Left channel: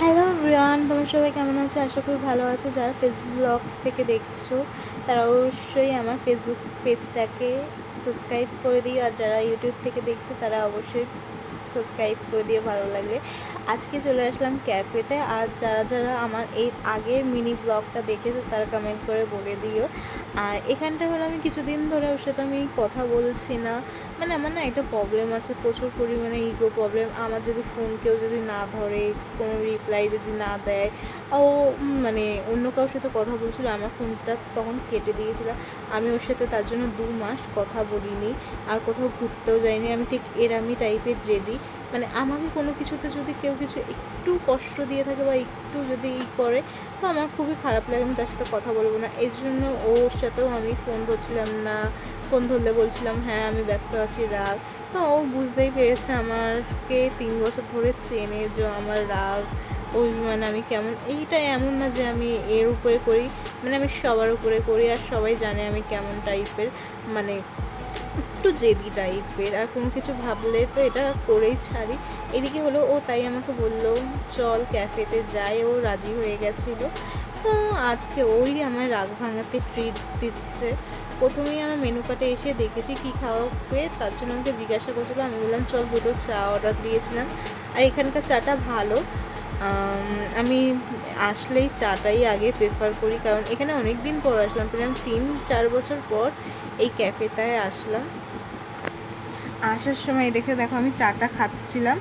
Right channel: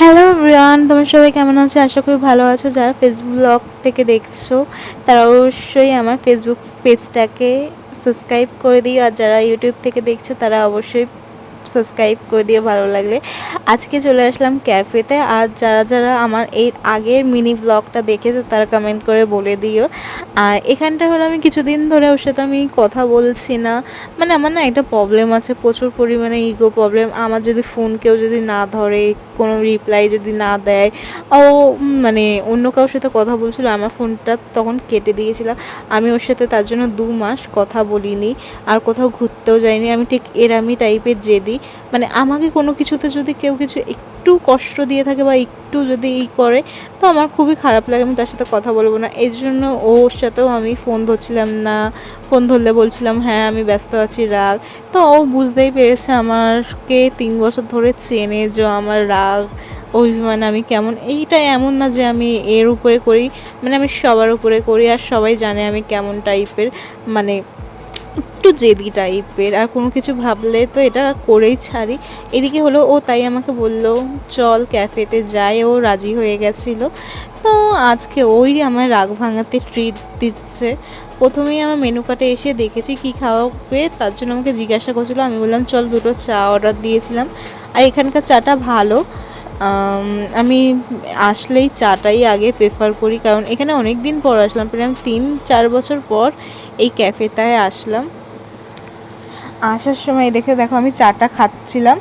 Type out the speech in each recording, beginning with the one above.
Hello Brian তোমরা সবাই কেমন আছো? আশা করি ভালো আছো। যারা ফেসবুক ব্লগ থেকে দেখছ, তারা অবশ্যই আমার ফেসবুক পেজটাকে সাবস্ক্রাইব করে দিও। আর যারা ইউটিউব থেকে দেখছ, তারা অবশ্যই সাবস্ক্রাইব করে দিও ভালো লাগলে। আজকে চলে আসলাম ক্যাফেতে আর যারা যারা আমার এই আগের মিনি ব্লগটা দেখেছে, তারা কমেন্ট করে বলে দিও। আর এখানটা হলো আমি কিছুদিন ধরে ওর সাথে আমি কথা বলছি না। মানে আমার না একটা প্রবলেম আছে, প্রচুর পরিমাণে ইগো প্রবলেম আমার যদি ফোন কেউ যদি না ধরে, কোনো রিপ্লাই যদি না দেয়, ও মানে অন্য কারোর সাথে কথা বলছিল, আমার ফোনটা তখন কেটে দিয়েছিলাম আমি ওর সাথে তার জন্য দু মাস কথা বলিনি, আর কোথাও ঘুরতেও যাইনি। আমি ঠিক এরামি টাইপের জেদি। মানে আমাকে কোনো কিছুতে যদি কেউ কিছু একটু কষ্ট দিয়ে থাকে বা একটু যদি ই করে, তো আমার খুবই খারাপ লাগে, আমি তার সাথে কথা বলব না। এই জন্য ওর সাথেও আমি ফোন ধরছিলাম না, ফোন ধরলে বলছিলাম হ্যাঁ আমি ব্যস্ত আছি, রাগ। তো ও বুঝতেই পেরেছে আমাকে তিন বছর ধরে চেনে যে আমার রাগ, অভিমান, আমি কেমন। এইটা এমন না যে আমি এর উপরে করি মানে আমি সবার উপরে করি আর সবাই জানে আমি কেমন টাইপের মানে একটু জেদি টাইপের আর কোনো কিছু ভাবলে তো এটা করেই ছাড়ি। এদিকে হলো ও তাই আমাকে বলল, চল ক্যাফেতে যাই। ও রাজি হয়ে গেছিল। তো আজকে ওই আমার রাগ ভাঙাতে ট্রিট দিচ্ছে। প্রথমেই আমার মেনু কার্টে এসে দেখেছি কি খাওয়াবে, তার জন্য আমাকে জিজ্ঞাসা করছিল, আমি বললাম, চল দুটো চা অর্ডার দিয়েছিলাম। আর এখানকার চাটা ভালো। আমি আসলেই চাটাই আগে প্রেফার করি, কারণ এখানে অনেক দিন পর আসলাম, প্রায় তিন, চার বছর পর এই ক্যাফেটায় আসলাম। আসার সময় দেখে, দেখো আমি চাটা খাচ্ছিলাম।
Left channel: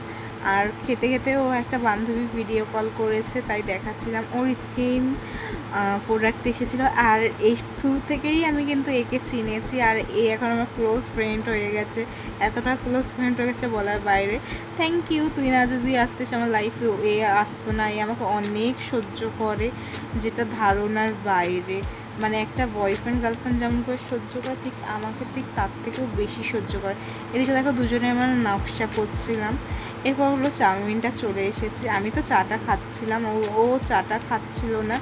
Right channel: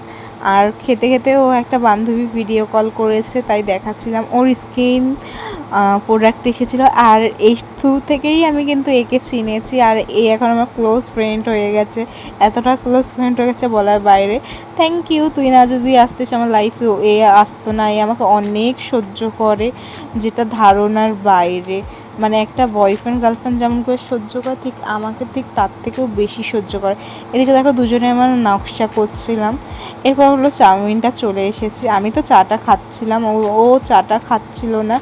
আর খেতে খেতে ও একটা বান্ধবী ভিডিও কল করেছে, তাই দেখাচ্ছিলাম। ওর স্কিন প্রোডাক্ট এসেছিল। আর এই থ্রু থেকেই আমি কিন্তু একে চিনেছি। আর এ এখন আমার ক্লোজ ফ্রেন্ড হয়ে গেছে। এতটা ক্লোজ ফ্রেন্ড হয়ে গেছে বলার বাইরে। থ্যাংক ইউ তুই না যদি আসতিস আমার লাইফে এ আসতো না। এ আমাকে অনেক সহ্য করে, যেটা ধারণার বাইরে। মানে একটা বয়ফ্রেন্ড গার্লফ্রেন্ড যেমন করে সহ্য করে, ঠিক আমাকে ঠিক তার থেকেও বেশি সহ্য করে। এদিকে দেখো দুজনে আমার নকশা করছিলাম। এরপর হলো চাউমিনটা চলে এসেছে। আমি তো চাটা খাচ্ছিলাম, ও ও চাটা খাচ্ছিল না।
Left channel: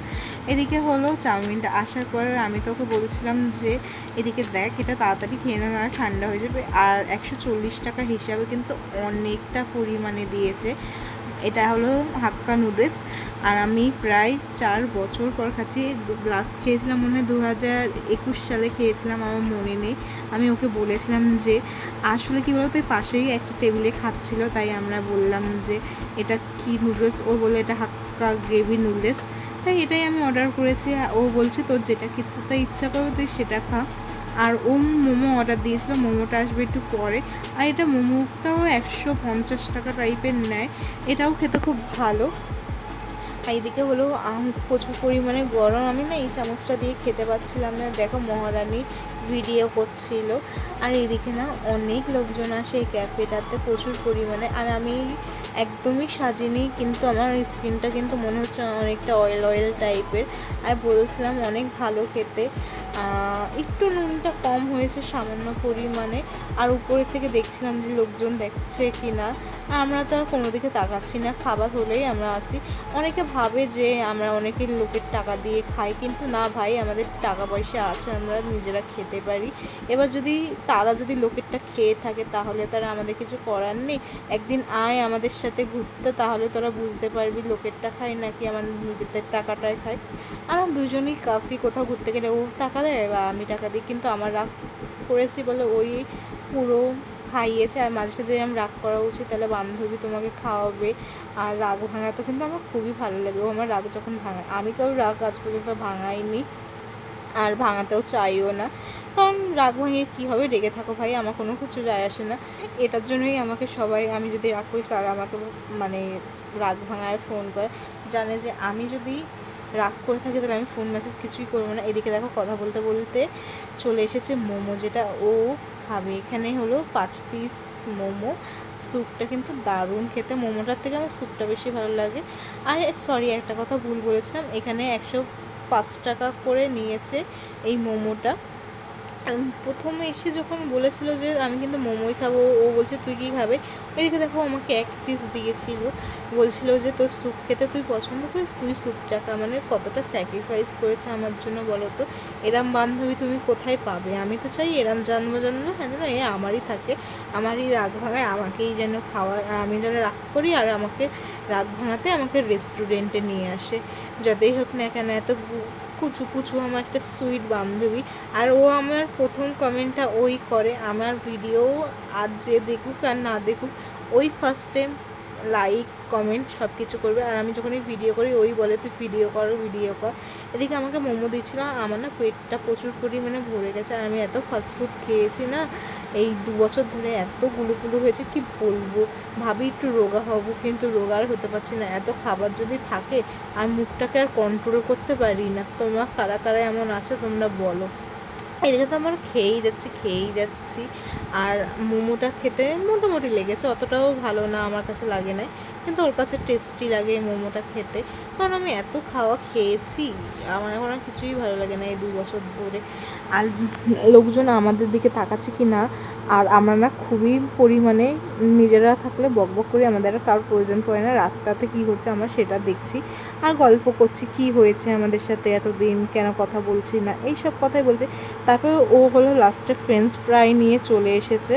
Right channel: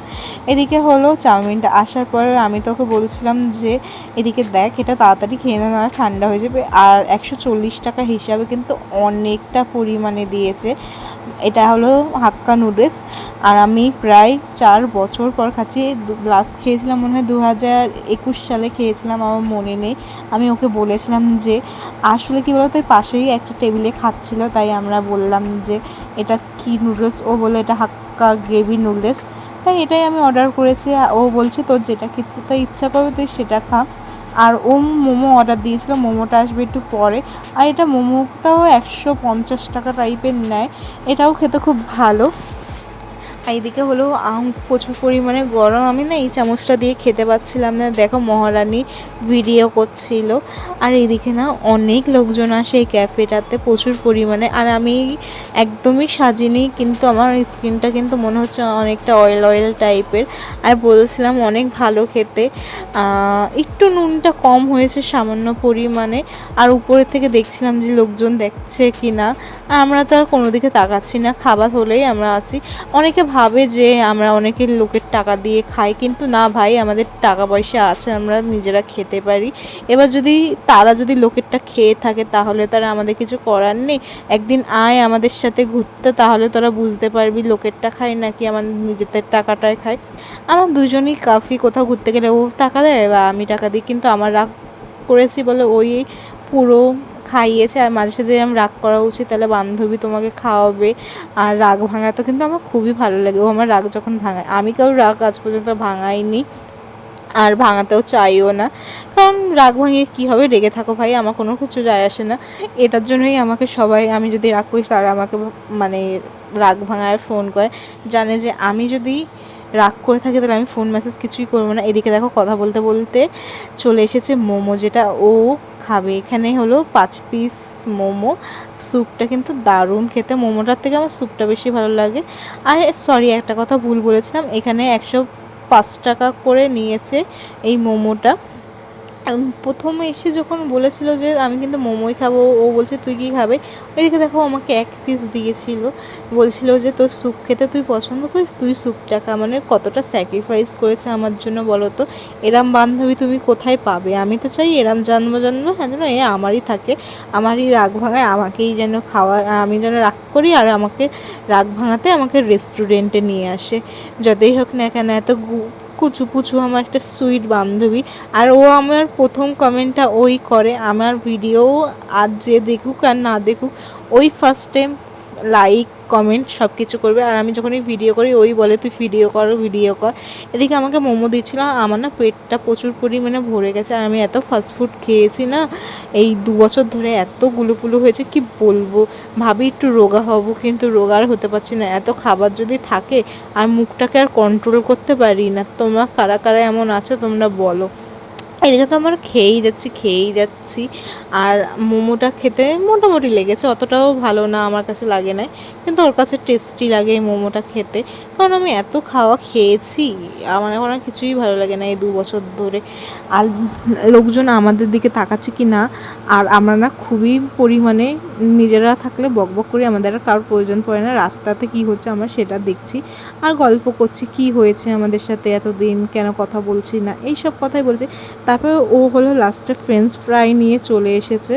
এদিকে হলো চাউমিনটা আসার পরে আমি তোকে বলছিলাম যে, এদিকে দেখ, এটা তাড়াতাড়ি খেয়ে না ঠান্ডা হয়ে যাবে। আর একশো চল্লিশ টাকা হিসাবে কিন্তু অনেকটা পরিমাণে দিয়েছে। এটা হলো হাক্কা নুডলস। আর আমি প্রায় চার বছর পর খাচ্ছি। লাস্ট খেয়েছিলাম মনে হয় দু হাজার একুশ সালে খেয়েছিলাম, আমার মনে নেই। আমি ওকে বলেছিলাম যে, আসলে কী বলতো পাশেই একটা টেবিলে খাচ্ছিল, তাই আমরা বললাম যে, এটা কি নুডলস? ও বলে এটা হাক্কা গ্রেভি নুডলস। তাই এটাই আমি অর্ডার করেছি। ও বলছে, তোর যেটা খেতে ইচ্ছা করবে, তুই সেটা খা। আর ও মোমো অর্ডার দিয়েছিল মোমোটা আসবে একটু পরে। আর এটা মোমোটাও একশো পঞ্চাশ টাকা টাইপের নেয়। এটাও খেতে খুব ভালো। এদিকে হলো আম প্রচুর পরিমাণে গরম। আমি না এই চামচটা দিয়ে খেতে পাচ্ছিলাম না। দেখো মহারানী ভিডিও করছিল। আর এদিকে না অনেক লোকজন আসে এই ক্যাফেটাতে প্রচুর পরিমাণে। আর আমি একদমই সাজিনি, কিন্তু আমার স্কিনটা কিন্তু মনে হচ্ছে অনেকটা অয়েল অয়েল টাইপের আর বলছিলাম অনেক ভালো খেতে। একটু নুনটা কম হয়েছে সামান্য পরিমাণে। আর উপরের থেকে দেখছিলাম যে লোকজন দেখছে কি না আর আমরা তো আর কোনো দিকে তাকাচ্ছি না। খাবার হলেই আমরা আছি। অনেকে ভাবে যে আমরা অনেকে লোকের টাকা দিয়ে খাই, কিন্তু না ভাই, আমাদের টাকা পয়সা আছে, আমরা নিজেরা খেতে পারি। এবার যদি তারা যদি লোকেরটা খেয়ে থাকে, তাহলে তারা আমাদের কিছু করার নেই। একদিন আয় আমাদের সাথে ঘুরতে, তাহলে তোরা বুঝতে পারবি লোকেরটা খায় নাকি আমার নিজেদের টাকাটাই খায়। আমার দুজনই কাফি কোথাও ঘুরতে গেলে, ও টাকা দেয়, বা আমি টাকা দিই, কিন্তু আমার রাগ করেছি বলে ওই পুরো খাইয়েছে আর মাঝে সাঝে এরকম রাগ করা উচিত, তাহলে বান্ধবী তোমাকে খাওয়াবে। আর রাগ ভাঙা তো কিন্তু আমার খুবই ভালো লাগে। ও আমার রাগ যখন ভাঙায়, আমি কারোর রাগ আজ পর্যন্ত ভাঙাইনি, আর ভাঙাতেও চাইও না। কারণ রাগ ভাঙিয়ে কী হবে? রেগে থাকো ভাই, আমার কোনো কিছু যায় আসে না। এটার জন্যই আমাকে সবাই, আমি যদি রাগ করি, তারা আমাকে মানে রাগ ভাঙায়, ফোন করে। জানে যে আমি যদি রাগ করে থাকি, তাহলে আমি ফোন মেসেজ কিছুই করব না। এদিকে দেখো কথা বলতে বলতে চলে এসেছে মোমো, যেটা ও খাবে। এখানে হলো পাঁচ পিস মোমো। স্যুপটা কিন্তু দারুণ খেতে। মোমোটার থেকে আমার স্যুপটা বেশি ভালো লাগে। আর সরি একটা কথা ভুল বলেছিলাম। এখানে একশো পাঁচ টাকা করে নিয়েছে এই মোমোটা। প্রথমে এসে যখন বলেছিল যে আমি কিন্তু মোমোই খাব, ও বলছে, তুই কী খাবে? এদিকে দেখো, আমাকে এক পিস দিয়েছিল। বলছিল যে, তোর স্যুপ খেতে তুই পছন্দ করিস? তুই স্যুপটা খা মানে কতটা স্যাক্রিফাইস করেছে আমার জন্য বলো তো? এরম বান্ধবী তুমি কোথায় পাবে? আমি তো চাই এরম জন্ম জন্ম হ্যাঁ যেন এ আমারই থাকে। আমারই রাগ ভাঙায়, আমাকেই যেন খাওয়া, আমি যেন রাগ করি আর আমাকে রাগ ভাঙাতে আমাকে রেস্টুরেন্টে নিয়ে আসে। যতই হোক না কেন, এত কুচু কুচু আমার একটা সুইট বান্ধবী। আর ও আমার প্রথম কমেন্টটা ওই করে, আমার ভিডিও আর যে দেখুক আর না দেখুক, ওই ফার্স্ট টাইম লাইক কমেন্ট সব কিছু করবে। আর আমি যখনই ভিডিও করি, ওই বলে, তুই ভিডিও কর ভিডিও কর। এদিকে আমাকে মোমো দিচ্ছিল, আমার না পেটটা প্রচুর পরিমাণে ভরে গেছে। আর আমি এত ফাস্টফুড খেয়েছি না এই দু বছর ধরে এত গুলোপুলো হয়েছে, কি বলব? ভাবি একটু রোগা হব, কিন্তু রোগা আর হতে পারছি না। এত খাবার যদি থাকে, আর মুখটাকে আর কন্ট্রোল করতে পারি না, তোমরা কারা কারা এমন আছো তোমরা বলো। এদিকে তো আমার খেয়েই যাচ্ছি খেয়েই যাচ্ছি। আর মোমোটা খেতে মোটামুটি লেগেছে, অতটাও ভালো না আমার কাছে লাগে না কিন্তু ওর কাছে টেস্টি লাগে এই মোমোটা খেতে। কারণ আমি এত খাওয়া খেয়েছি, আমার এখন আর কিছুই ভালো লাগে না এই দু বছর ধরে। আর লোকজন আমাদের দিকে তাকাচ্ছে কি না, আর আমরা না খুবই পরিমাণে নিজেরা থাকলে বকবক করি, আমাদের আর কারোর প্রয়োজন পড়ে না। রাস্তাতে কি হচ্ছে আমরা সেটা দেখছি। আর গল্প করছি, কি হয়েছে আমাদের সাথে এতদিন, কেন কথা বলছি না এই সব কথাই বলছে। তারপরে ও হলো লাস্টে ফ্রেঞ্চ ফ্রাই নিয়ে চলে এসেছে।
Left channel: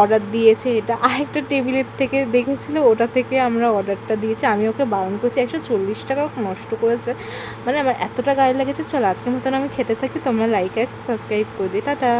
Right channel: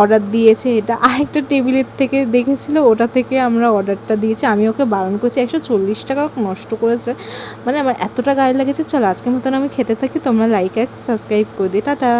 অর্ডার দিয়েছে এটা। আরেকটা টেবিলের থেকে দেখেছিল, ওটা থেকে আমরা অর্ডারটা দিয়েছি। আমি ওকে বারণ করছি, একশো চল্লিশ টাকা নষ্ট করেছে। মানে আমার এতটা গায়ে লেগেছে, চলো আজকের মতন আমি খেতে থাকি, তোমরা লাইক এক সাবস্ক্রাইব করে দিই টাটা।